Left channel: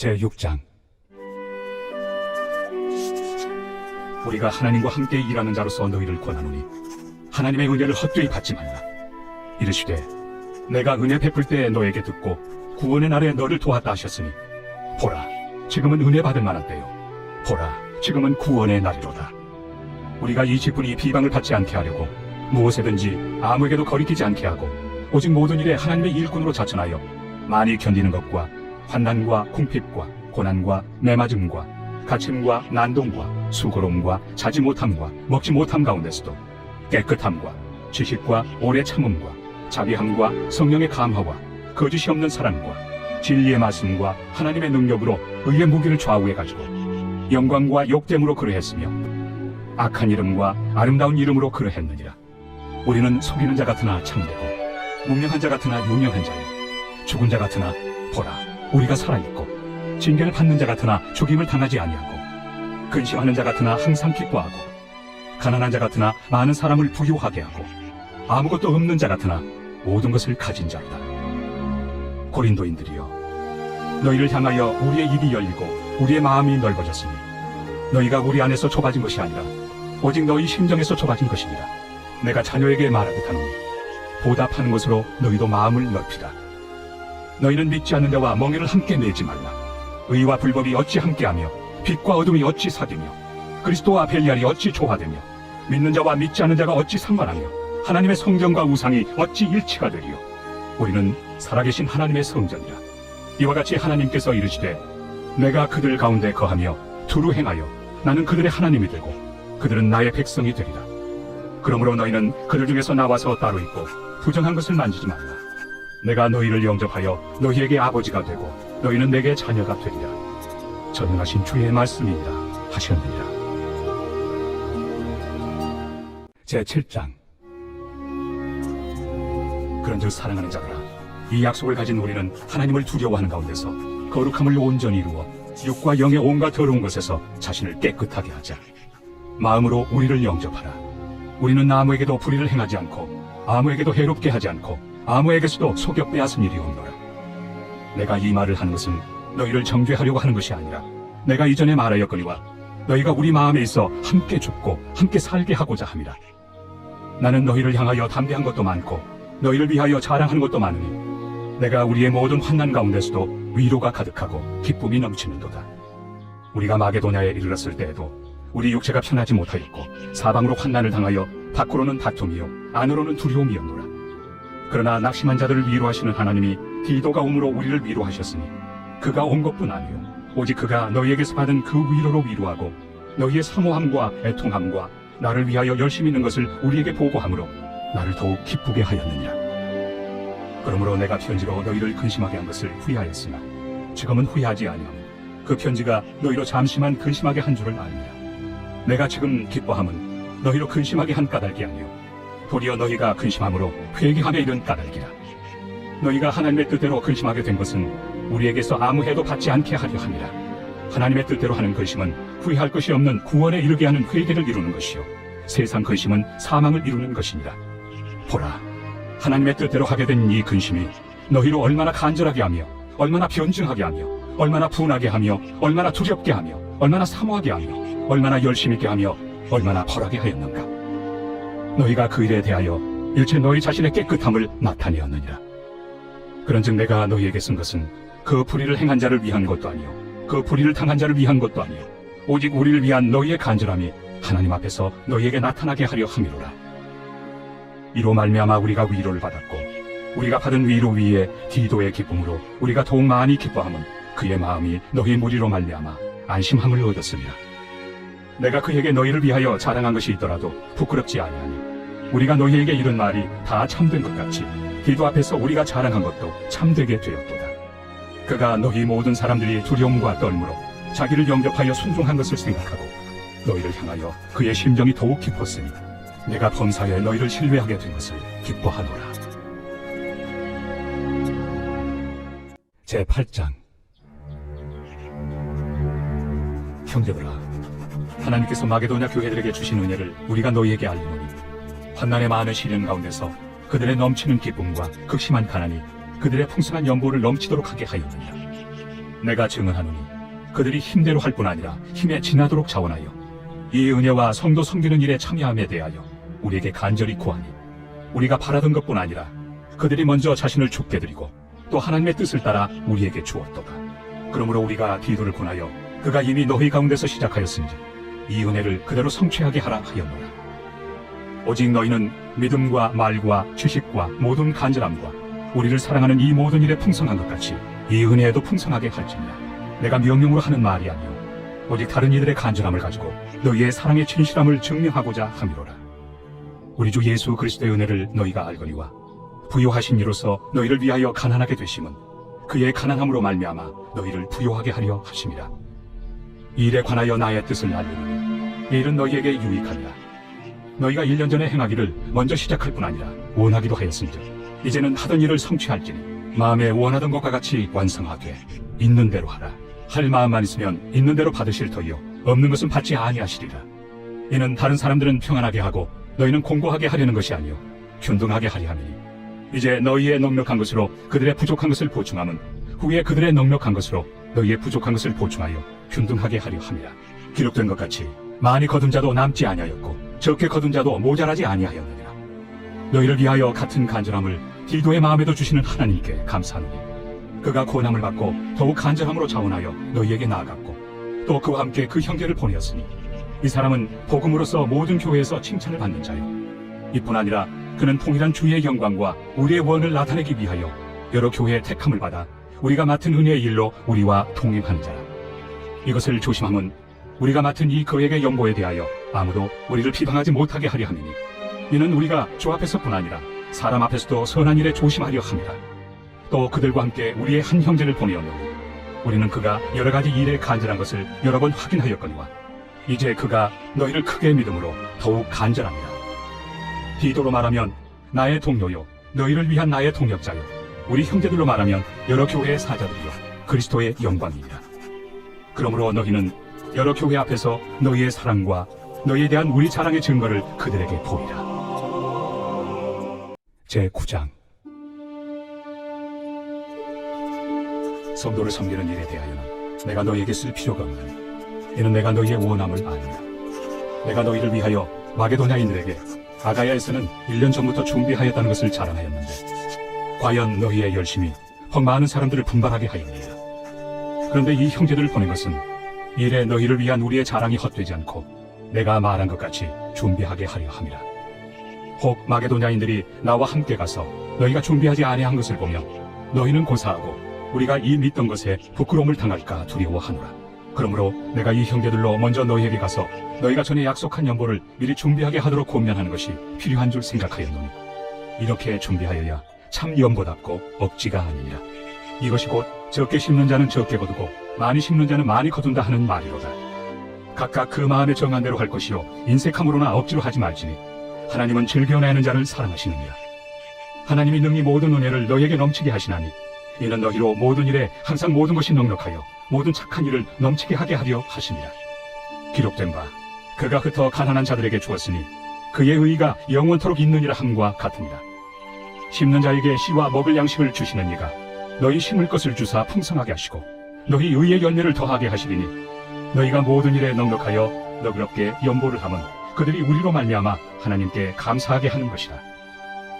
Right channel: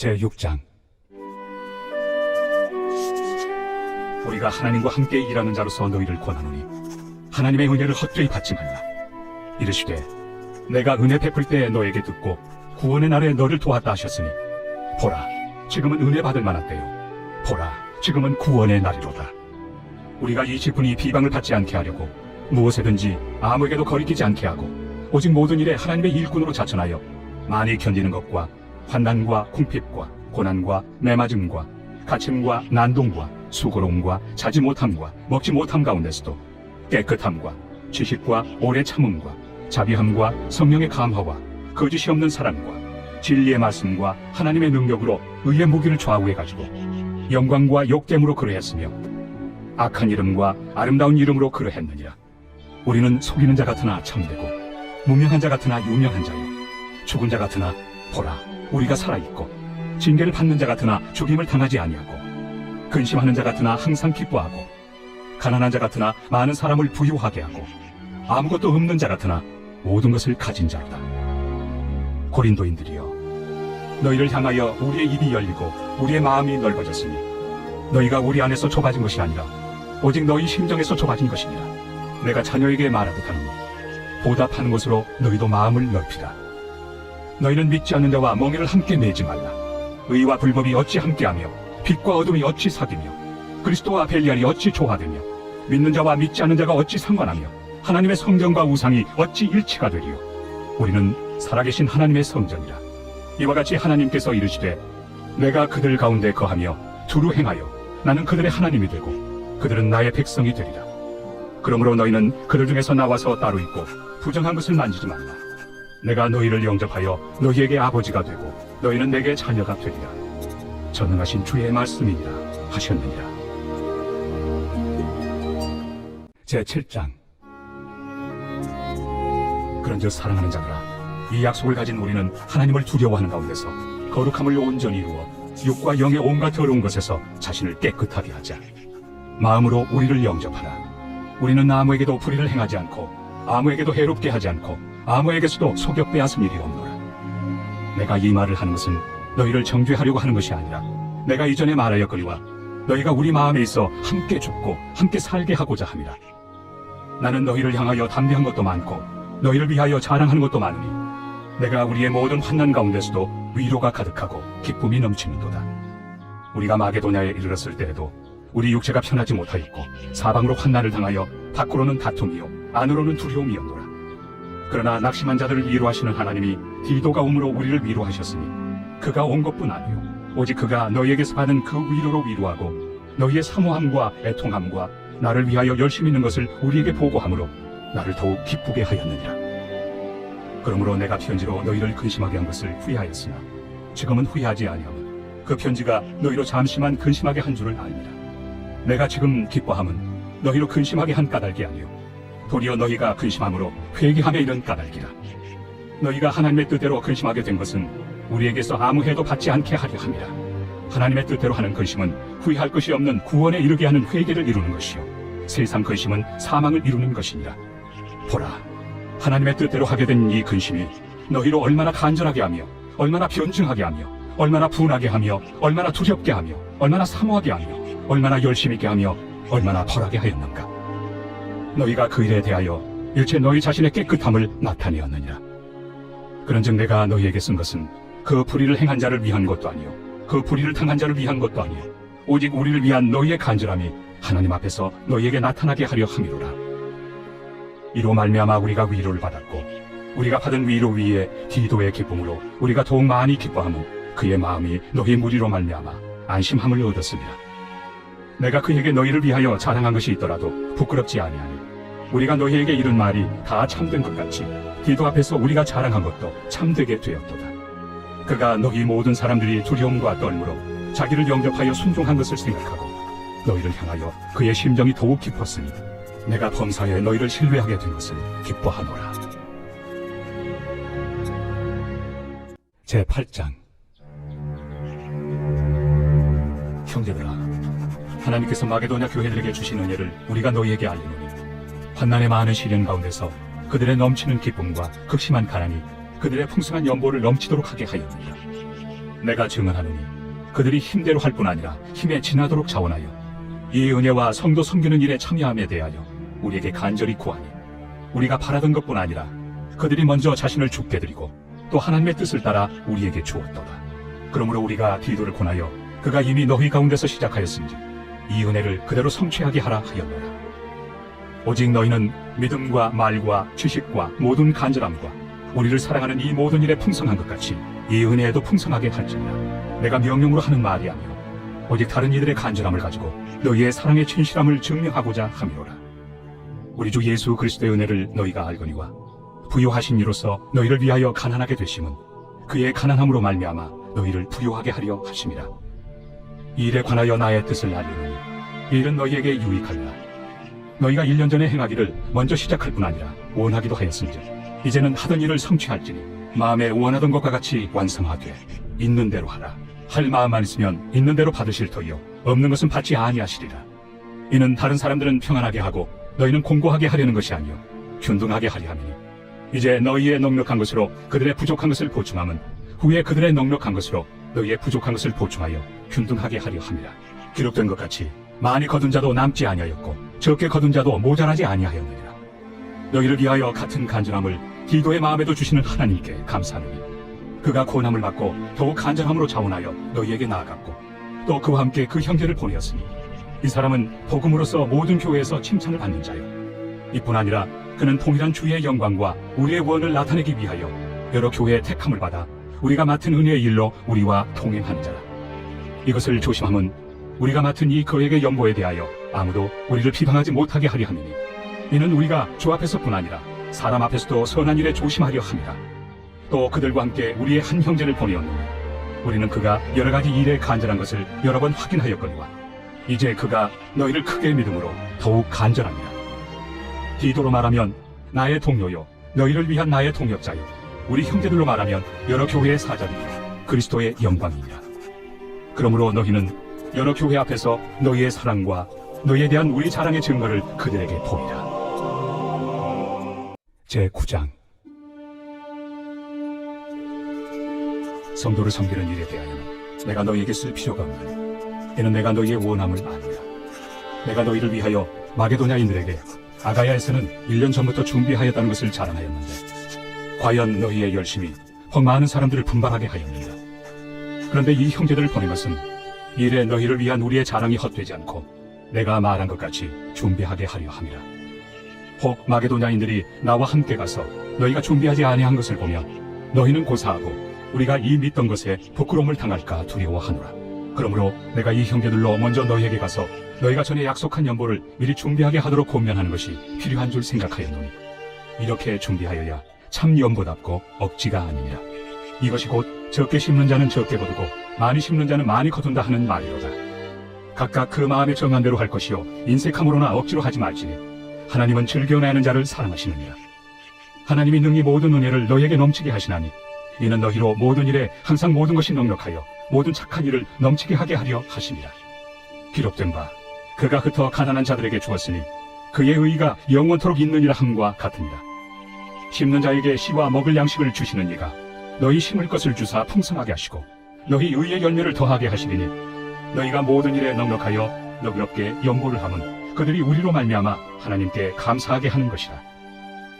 제6장. 우리가 하나님과 함께 일하는 자로서 너희를 권하노니 하나님의 은혜를 헛되이 받지 말라. 이르시되 내가 은혜 베풀 때에 너에게 듣고 구원의 날에 너를 도왔다 하셨으니 보라, 지금은 은혜 받을 만한 때요, 보라, 지금은 구원의 날이로다. 우리가 이 직분이 비방을 받지 않게 하려고 무엇에든지 아무에게도 거리끼지 않게 하고 오직 모든 일에 하나님의 일꾼으로 자천하여 많이 견디는 것과 환난과 궁핍과 고난과 매맞음과 갇힘과 난동과 수고로움과 자지 못함과 먹지 못함 가운데서도 깨끗함과 지식과 오래 참음과 자비함과 성령의 감화와 거짓이 없는 사랑과 진리의 말씀과 하나님의 능력으로 의의 무기를 좌우해가지고 영광과 욕됨으로 그러했으며 악한 이름과 아름다운 이름으로 그러했느니라. 우리는 속이는 자 같으나 참되고 무명한 자 같으나 유명한 자요, 죽은 자 같으나 보라, 우리가 살아있고 징계를 받는 자 같으나 죽임을 당하지 아니하고 근심하는 자 같으나 항상 기뻐하고 가난한 자 같으나 많은 사람을 부유하게 하고 아무것도 없는 자 같으나 모든 것을 가진 자로다. 고린도인들이여, 너희를 향하여 우리의 입이 열리고 우리의 마음이 넓어졌으니 너희가 우리 안에서 좁아진 것이 아니라 오직 너희 심정에서 좁아진 것이니라. 내가 자녀에게 말하듯 하노니 보답하는 것으로 너희도 마음을 넓히라. 너희는 믿지 않는 자와 멍에를 함께 내지 말라. 의와 불법이 어찌 함께하며 빛과 어둠이 어찌 사귀며 그리스도와 벨리알이 어찌 조화되며 믿는 자와 믿지 않는 자가 어찌 상관하며 하나님의 성전과 우상이 어찌 일치가 되리요. 우리는 살아계신 하나님의 성전이라. 이와 같이 하나님께서 이르시되 내가 그들 가운데 거하며 두루 행하여 나는 그들의 하나님이 되고 그들은 나의 백성이 되리라. 그러므로 너희는 그들 중에서 나와서 따로 있고 부정한 것을 만지지 말라. 내가 너희를 영접하여 너희에게 아버지가 되고 너희는 내게 자녀가 되리라. 전능하신 주의 말씀이니라 하셨느니라. 제7장. 그런즉 사랑하는 자들아, 이 약속을 가진 우리는 하나님을 두려워하는 가운데서 거룩함을 온전히 이루어 육과 영의 온갖 더러운 것에서 자신을 깨끗하게 하자. 마음으로 우리를 영접하라. 우리는 아무에게도 불의를 행하지 않고 아무에게도 해롭게 하지 않고 아무에게서도 속여 빼앗은 일이 없노라. 내가 이 말을 하는 것은 너희를 정죄하려고 하는 것이 아니라 내가 이전에 말하였거니와 너희가 우리 마음에 있어 함께 죽고 함께 살게 하고자 함이라. 나는 너희를 향하여 담대한 것도 많고 너희를 위하여 자랑하는 것도 많으니 내가 우리의 모든 환난 가운데서도 위로가 가득하고 기쁨이 넘치는도다. 우리가 마게도냐에 이르렀을 때에도 우리 육체가 편하지 못하였고 사방으로 환난을 당하여 밖으로는 다툼이요 안으로는 두려움이었노라. 그러나 낙심한 자들을 위로하시는 하나님이 디도가 오므로 우리를 위로하셨으니 그가 온 것뿐 아니요 오직 그가 너희에게서 받은 그 위로로 위로하고 너희의 사모함과 애통함과 나를 위하여 열심히 있는 것을 우리에게 보고함으로 나를 더욱 기쁘게 하였느니라. 그러므로 내가 편지로 너희를 근심하게 한 것을 후회하였으나 지금은 후회하지 아니하고 그 편지가 너희로 잠시만 근심하게 한 줄을 알리라. 내가 지금 기뻐함은 너희로 근심하게 한 까닭이 아니요 도리어 너희가 근심함으로 회개함에 이른 까닭이라. 너희가 하나님의 뜻대로 근심하게 된 것은 우리에게서 아무 해도 받지 않게 하려 함이라. 하나님의 뜻대로 하는 근심은 후회할 것이 없는 구원에 이르게 하는 회개를 이루는 것이요 세상 근심은 사망을 이루는 것이니라. 보라, 하나님의 뜻대로 하게 된 이 근심이 너희로 얼마나 간절하게 하며 얼마나 변증하게 하며 얼마나 분하게 하며 얼마나 두렵게 하며 얼마나 사모하게 하며 얼마나 열심 있게 하며 얼마나 벌하게 하였는가. 너희가 그 일에 대하여 일체 너희 자신의 깨끗함을 나타내었느니라. 그런즉 내가 너희에게 쓴 것은 그 불의를 행한 자를 위한 것도 아니요 그 불의를 당한 자를 위한 것도 아니요 오직 우리를 위한 너희의 간절함이 하나님 앞에서 너희에게 나타나게 하려 함이로라. 이로 말미암아 우리가 위로를 받았고 우리가 받은 위로 위에 디도의 기쁨으로 우리가 더욱 많이 기뻐함은 그의 마음이 너희의 무리로 말미암아 안심함을 얻었습니다. 내가 그에게 너희를 위하여 자랑한 것이 있더라도 부끄럽지 아니하니 우리가 너희에게 이른 말이 다 참된 것 같이 디도 앞에서 우리가 자랑한 것도 참되게 되었도다. 그가 너희 모든 사람들이 두려움과 떨므로 자기를 영접하여 순종한 것을 생각하고 너희를 향하여 그의 심정이 더욱 깊었으니 내가 범사에 너희를 신뢰하게 된 것을 기뻐하노라. 제8장. 형제들아, 하나님께서 마게도냐 교회들에게 주신 은혜를 우리가 너희에게 알리노니 환난의 많은 시련 가운데서 그들의 넘치는 기쁨과 극심한 가난이 그들의 풍성한 연보를 넘치도록 하게 하였느니라. 내가 증언하노니 그들이 힘대로 할 뿐 아니라 힘에 지나도록 자원하여 이 은혜와 성도 섬기는 일에 참여함에 대하여 우리에게 간절히 구하니 우리가 바라던 것뿐 아니라 그들이 먼저 자신을 죽게 드리고 또 하나님의 뜻을 따라 우리에게 주었도다. 그러므로 우리가 디도를 권하여 그가 이미 너희 가운데서 시작하였은지 이 은혜를 그대로 성취하게 하라 하였노라. 오직 너희는 믿음과 말과 지식과 모든 간절함과 우리를 사랑하는 이 모든 일에 풍성한 것 같이 이 은혜에도 풍성하게 할지니라. 내가 명령으로 하는 말이 아니요 오직 다른 이들의 간절함을 가지고 너희의 사랑의 진실함을 증명하고자 함이로라. 우리 주 예수 그리스도의 은혜를 너희가 알거니와 부요하신 이로써 너희를 위하여 가난하게 되심은 그의 가난함으로 말미암아 너희를 부요하게 하려 하심이라. 이 일에 관하여 나의 뜻을 알리노니 이 일은 너희에게 유익하니라. 너희가 1년 전에 행하기를 먼저 시작할 뿐 아니라 원하기도 하였은즉 이제는 하던 일을 성취할지니 마음에 원하던 것과 같이 완성하되 있는 대로 하라. 할 마음만 있으면 있는 대로 받으실 터이요 없는 것은 받지 아니하시리라. 이는 다른 사람들은 평안하게 하고 너희는 공고하게 하려는 것이 아니요 균등하게 하려 함이니 이제 너희의 넉넉한 것으로 그들의 부족한 것을 보충함은 후에 그들의 넉넉한 것으로 너희의 부족한 것을 보충하여 균등하게 하려 함이라. 기록된 것 같이 많이 거둔 자도 남지 아니하였고 적게 거둔 자도 모자라지 아니하였느니라. 너희를 위하여 같은 간절함을 디도의 마음에도 주시는 하나님께 감사하노니 그가 고난을 받고 더욱 간절함으로 자원하여 너희에게 나아갔고 또 그와 함께 그 형제를 보내었으니 이 사람은 복음으로서 모든 교회에서 칭찬을 받는 자요 이뿐 아니라 그는 통일한 주의 영광과 우리의 구원을 나타내기 위하여 여러 교회의 택함을 받아 우리가 맡은 은혜의 일로 우리와 동행하는 자라. 이것을 조심함은 우리가 맡은 이 거액의 연보에 대하여 아무도 우리를 비방하지 못하게 하려 함이니 이는 우리가 주 앞에서뿐 아니라 사람 앞에서도 선한 일에 조심하려 함이라. 또 그들과 함께 우리의 한 형제를 보내었느니 우리는 그가 여러 가지 일에 간절한 것을 여러 번 확인하였거니와 이제 그가 너희를 크게 믿음으로 더욱 간절합니다. 디도로 말하면 나의 동료요 너희를 위한 나의 동역자요 우리 형제들로 말하면 여러 교회의 사자들이요 그리스도의 영광이니라. 그러므로 너희는 여러 교회 앞에서 너희의 사랑과 너희에 대한 우리 자랑의 증거를 그들에게 보이라. 제9장 성도를 섬기는 일에 대하여는 내가 너희에게 쓸 필요가 없나니 이는 내가 너희의 원함을 아니라. 내가 너희를 위하여 마게도냐인들에게 아가야에서는 1년 전부터 준비하였다는 것을 자랑하였는데 과연 너희의 열심이 더 많은 사람들을 분발하게 하였느니라. 그런데 이 형제들을 보낸 것은 이래 너희를 위한 우리의 자랑이 헛되지 않고 내가 말한 것 같이 준비하게 하려 함이라. 혹 마게도냐인들이 나와 함께 가서 너희가 준비하지 아니한 것을 보면 너희는 고사하고 우리가 이 믿던 것에 부끄러움을 당할까 두려워하노라. 그러므로 내가 이 형제들로 먼저 너희에게 가서 너희가 전에 약속한 연보를 미리 준비하게 하도록 권면하는 것이 필요한 줄 생각하였노니 이렇게 준비하여야 참 연보답고 억지가 아니니라. 이것이 곧 적게 심는 자는 적게 거두고 많이 심는 자는 많이 거둔다 하는 말이로다. 각각 그 마음에 정한 대로 할 것이요 인색함으로나 억지로 하지 말지니 하나님은 즐겨내는 자를 사랑하시느니라. 하나님이 능히 모든 은혜를 너희에게 넘치게 하시나니 이는 너희로 모든 일에 항상 모든 것이 넉넉하여 모든 착한 일을 넘치게 하게 하려 하시니라. 기록된 바 그가 흩어 가난한 자들에게 주었으니 그의 의가 영원토록 있느니라 함과 같으니라. 심는 자에게 씨와 먹을 양식을 주시는 이가 너희 심을 것을 주사 풍성하게 하시고 너희 의의 열매를 더하게 하시리니 너희가 모든 일에 넉넉하여 너그럽게 연보를 함은 그들이 우리로 말미암아 하나님께 감사하게 하는 것이라.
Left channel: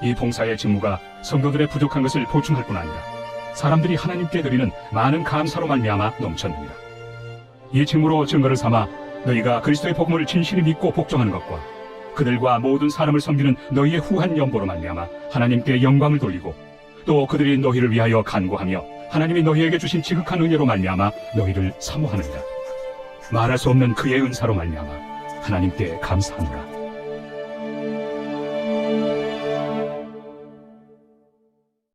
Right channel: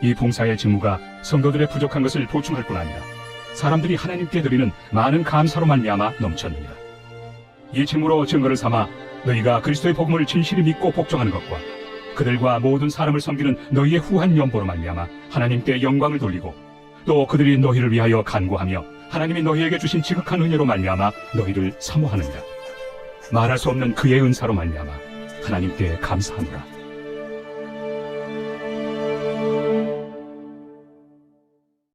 이 봉사의 직무가 성도들의 부족한 것을 보충할 뿐 아니라 사람들이 하나님께 드리는 많은 감사로 말미암아 넘쳤느니라. 이 직무로 증거를 삼아 너희가 그리스도의 복음을 진실히 믿고 복종하는 것과 그들과 모든 사람을 섬기는 너희의 후한 연보로 말미암아 하나님께 영광을 돌리고 또 그들이 너희를 위하여 간구하며 하나님이 너희에게 주신 지극한 은혜로 말미암아 너희를 사모하느니라. 말할 수 없는 그의 은사로 말미암아 하나님께 감사하노라.